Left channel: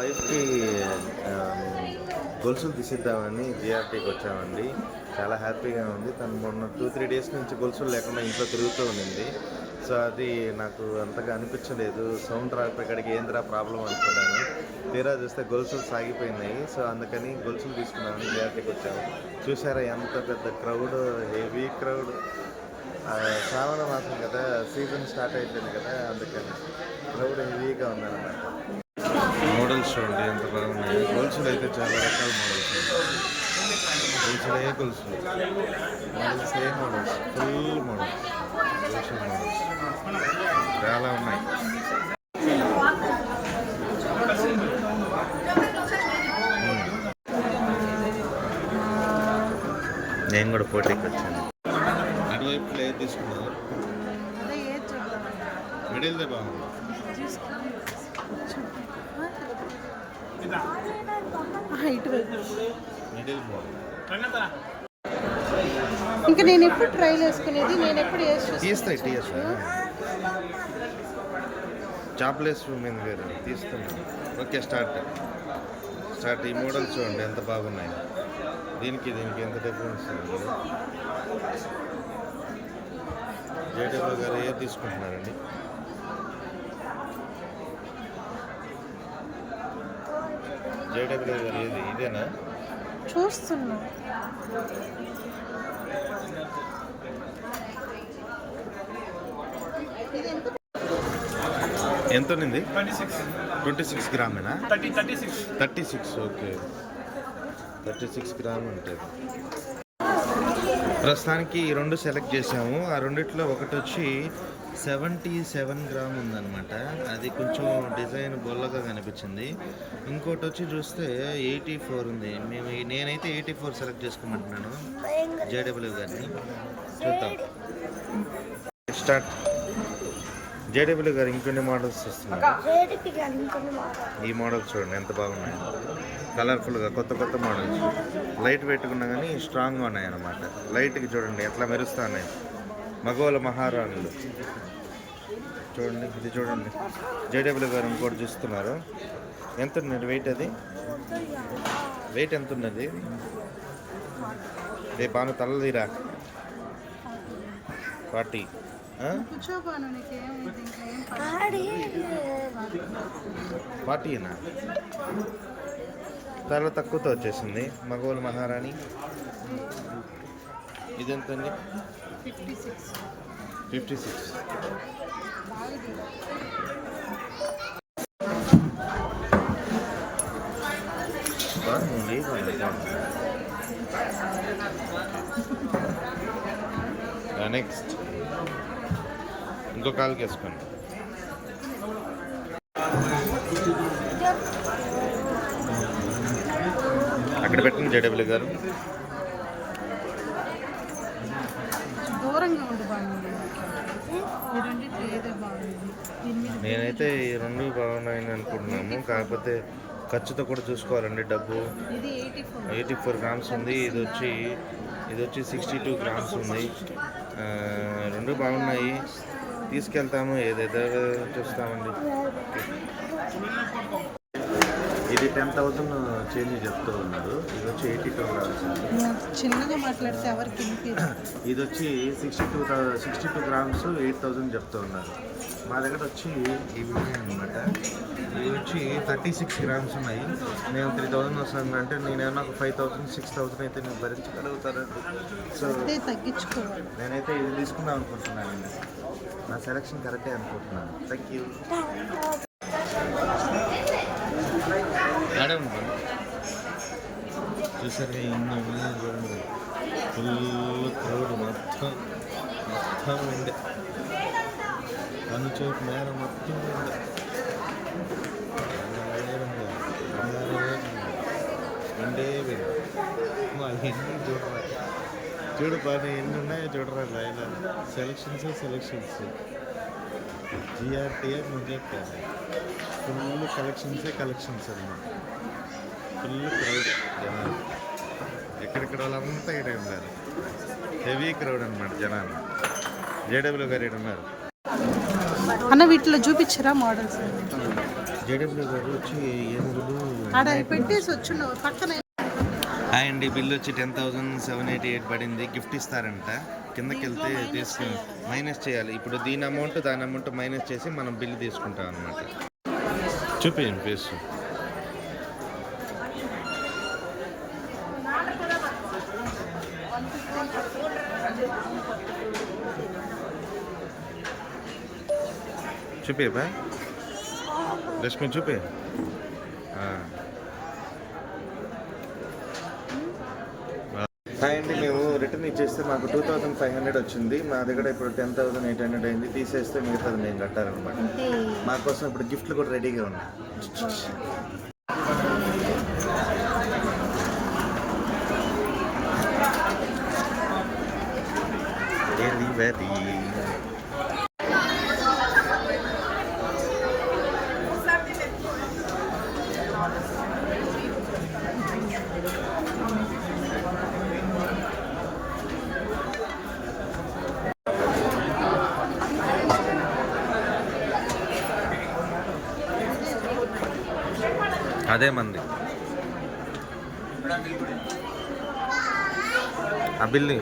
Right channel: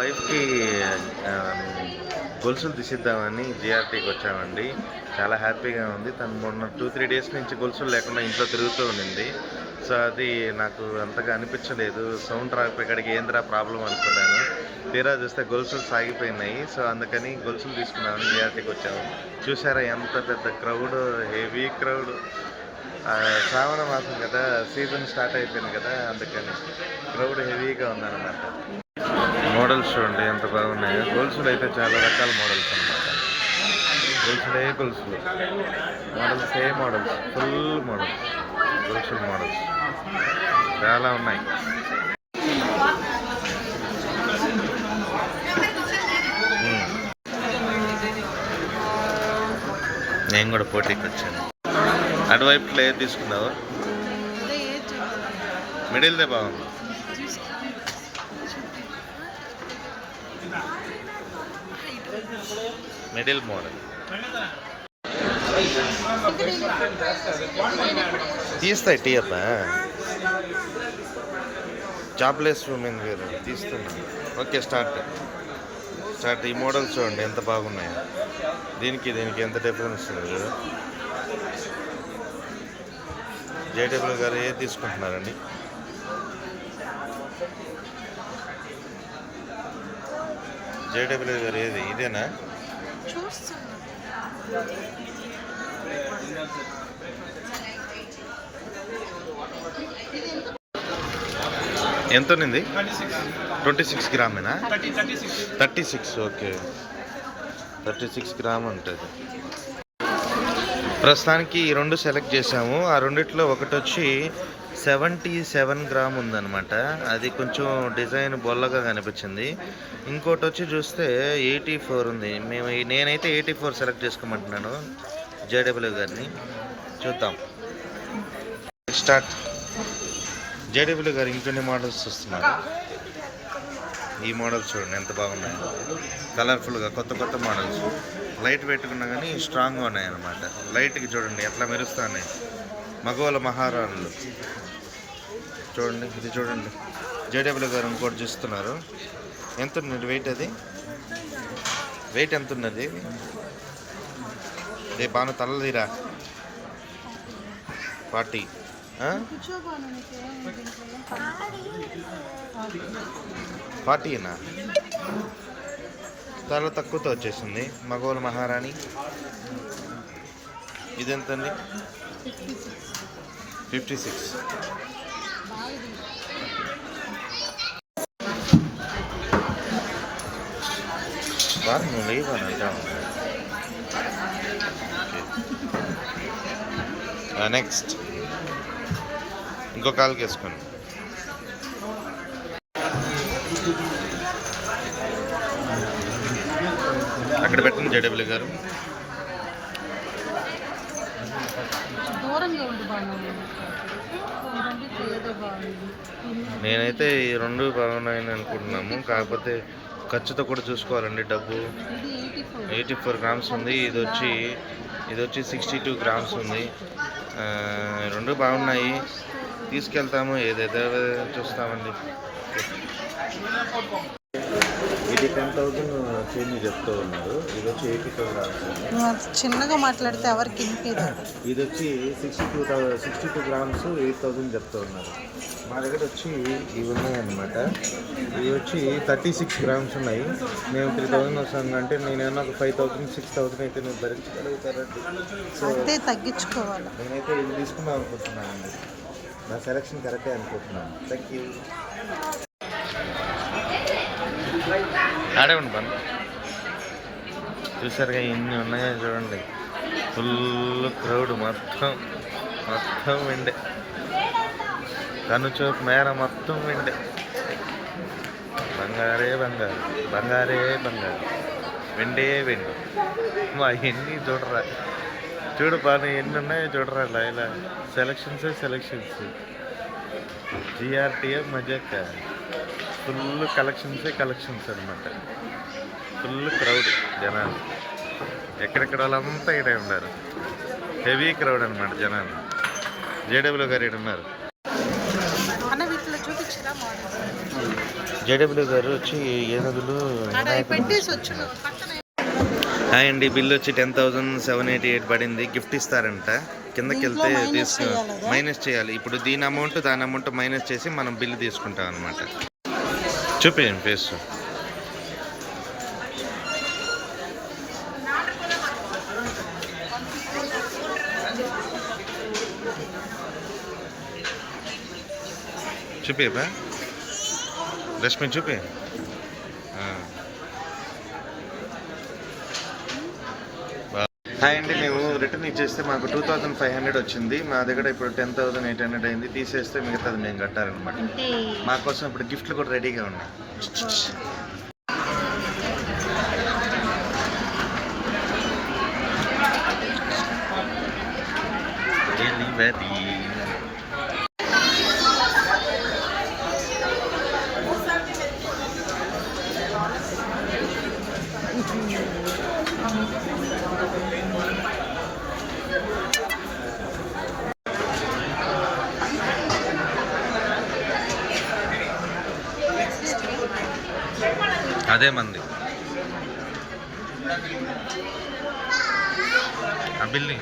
వైఫ్కి గొలుసులు తీసిద్దామని జిఆర్టీకి వచ్చామండి. చాలా హ్యాపీగా ఉంది. తను మొన్న 2-3 డేస్ నుంచి గొలుసులు లేకుండా ఇంట్లో తిరుగుతూ ఉండింది. సో అది నాకు అంతగా అనిపించలేదు. సౌండ్ రాకపోయేకాడికి ఏందిరా ప్రాబ్లం అనుకున్నాను. తీరా చూస్తే గొలుసులు సాగిపోయినాయి. సో అందుకని గొలుసులు తీసుకున్నామని జిఆర్టీకి వచ్చాము. చూసారా ఎంత పెద్ద క్రౌడ్, హెవీ క్రౌడ్. శ్రావణ మాసం కదా, సీజన్ స్టార్ట్ అయిపోయింది కదా, అందుకని క్రౌడ్ హెవీగా ఉందన్నమాట. మోడల్స్ చూడండి ఎంత బాగున్నాయో. గొలుసులు అయితే చాలా రకాల మోడల్స్ అన్నమాట. గొలుసులు మోడల్స్ ఫుల్ మోడల్స్, గొలుసుల మోడల్స్ చాలా ఉన్నాయి. నేను కూడా పోటీకి వచ్చాను. అటువైపులో ఏది తీసుకున్నావు? మిడిల్దే బాగుంది. మిడిల్ మోడల్ తీస్తాయి. టీఎఫ్ జాబ్లెస్ ఉమెన్ వేరు తీస్తున్నాను. Okay, start. ఈ మోడల్స్ చూడండి ఎంత బాగున్నాయో. దీనికి ఎంత డిఫరెన్స్ ఉంది. జేడబ్ల్యూ గారు ఏది తీసుకుంటున్నారండి? జేడబ్ల్యూ గారు ఏది? ఇదేనా చూస్తున్నా? ఎంత ఉంది? 26 గ్రామేనా? 36. ఓకే, 36 గ్రామ్ ఉంటుంది. ప్రస్తుతానికి ఈ రెండు సెలెక్ట్ చేసాము. ఆ రెండిట్లో ఒకటి వచ్చి 77 గ్రామ్ ఉందన్నమాట. అది కొంచెం డిజైన్ బొల్లగా కనిపించింది. ఇంకోటి వచ్చి చూస్తే 84 ఉంది. నేనైతే 84 సెలెక్ట్ చేసుకోమంటున్నాను జేడబ్ల్యూ గారిని. చూద్దాం, స్టార్ట్. జేడబ్ల్యూ గారు ఇంకొన్ని మోడల్స్ వస్తున్నారు. ఈ మోడల్స్ చూడండి ఎంత బాగున్నాయి. కలర్ఫుల్గా కొత్త మోడల్స్. లైట్ పెట్టుకున్నా కానీ స్ట్రాంగ్గా ఉన్నాయి అన్నమాట. లైట్కి చూడండి ఎట్లా మెరుస్తున్నాయి. మగవాళ్ళ మహారాణులు చూడండి. ఇది చూడండి, జేడబ్ల్యూ గారు ఇంకోటి చూస్తున్నారు. ఎంత ఉన్నది వెయిట్? అది వెయిట్ ఎంత ఉన్నది? రే బాను తలదిరా. 40. 40నా? చాలా తక్కువతో వచ్చేసింది. మగవాళ్ళ మహారాణి ఇదెంతండి? 56. నువ్వు లేవాలంటా. నెక్స్ట్ ఇంకో కాలుకి వేసుకోండి. అక్కడ పెట్టండి జేడబ్ల్యూ గారు. నేనైతే ఈ రెండు బాగున్నాయని అనుకుంటున్నాము. కాకపోతే ఖర్చుతో కూడా చూసుకోవాలండి. డబ్బు 84 గ్రామ్స్ ఉంది. ఇది వచ్చి 62 గ్రామ్స్ ఉంది. రెండు బాగున్నాయి, తీసుకెళ్తాము. ఏదైతే చూస్తామండి. ఇది 10,000 చేంజ్ చెప్తూ ఉన్నారు. ఇది వచ్చి 82 గ్రామ్స్. చిన్నగా మాట్లాడితే ఎవరికి వినిపించదు. ఇది వచ్చి 62 గ్రామ్స్ 8,000 చెప్తూ ఉన్నారు. మా దగ్గర వచ్చి ఇవి ఉన్నాయన్నమాట. ఇవి వచ్చి 36 గ్రామ్స్ ఉన్నాయి. మేము 3,000 వస్తానంటే నేను ఏమన్నా ఒక 5,000 6,000 అయితే నేను భరించగలుగుతానండి. సో తగ్గించుకోవాలి. నేనైతే ఇది తీసుకుందాం అనుకుంటున్నానండి. నా సెలెక్షన్ కరెక్టే అనుకుంటున్నాను. Thank you. ఆడే ఉండి పని చూసారుగా ఎన్ని ఉన్నాయో చూడండి. ఫుల్ క్రౌడ్, మొత్తం వెండే. కనుచూపు మేర మొత్తం వెండే. బంగారే వెండే. మా ఎన్ని చూడు బాగా ఎన్ని ఉన్నాయో చూడరా. ఇలా సెలక్షన్స్ జిఆర్టీఎఫ్ మజాక. ఫుల్ కలెక్షన్స్ అనమాట. ఫుల్ క్రౌడ్ జనాలు. ఎక్కడెక్కడ వాళ్ళంతా ఇక్కడ ఉన్నారు. హెవీ క్రౌడ్ అనమాట జనాలు. జేడబ్ల్యూ గారు ఇక్కడ ఉన్నారు. అన్న వీటిలో చూపించరా మోడల్స్? జేడబ్ల్యూ గారు వచ్చి ఏనుగులు ఆడ పెట్టేసి వచ్చి పక్కన హాయ్ అండి, బిల్ వచ్చి 10,788 పడింది. గిఫ్ట్ ఇస్తారంట. కిందకి వెళ్తే దీంట్లో మైనస్ తీసుకు చేయాలి అదా? మైనస్ చేయాలి. ఇప్పుడు దీని అమౌంట్ దాని అమౌంట్ మైనస్ చేసి మనం బిల్లు తీసుకుంటాం అనమాట. చూపించండి ఫేస్. చూపేపా రష్మి చూపే. హాయ్ అండి, మేము రిటర్న్ ఇచ్చేస్తే మాకు 2,500 వచ్చింది. మా దగ్గర ఇప్పుడు 10,800 అయింది. తీసేస్తే మిగతాది మేము కట్టాలన్నమాట. అంటే మా కోసం ఇప్పుడు గిఫ్ట్లు కూడా రెడీగా ఉన్నాయి. డెలివరీ అదే మంది ఆ బిల్ని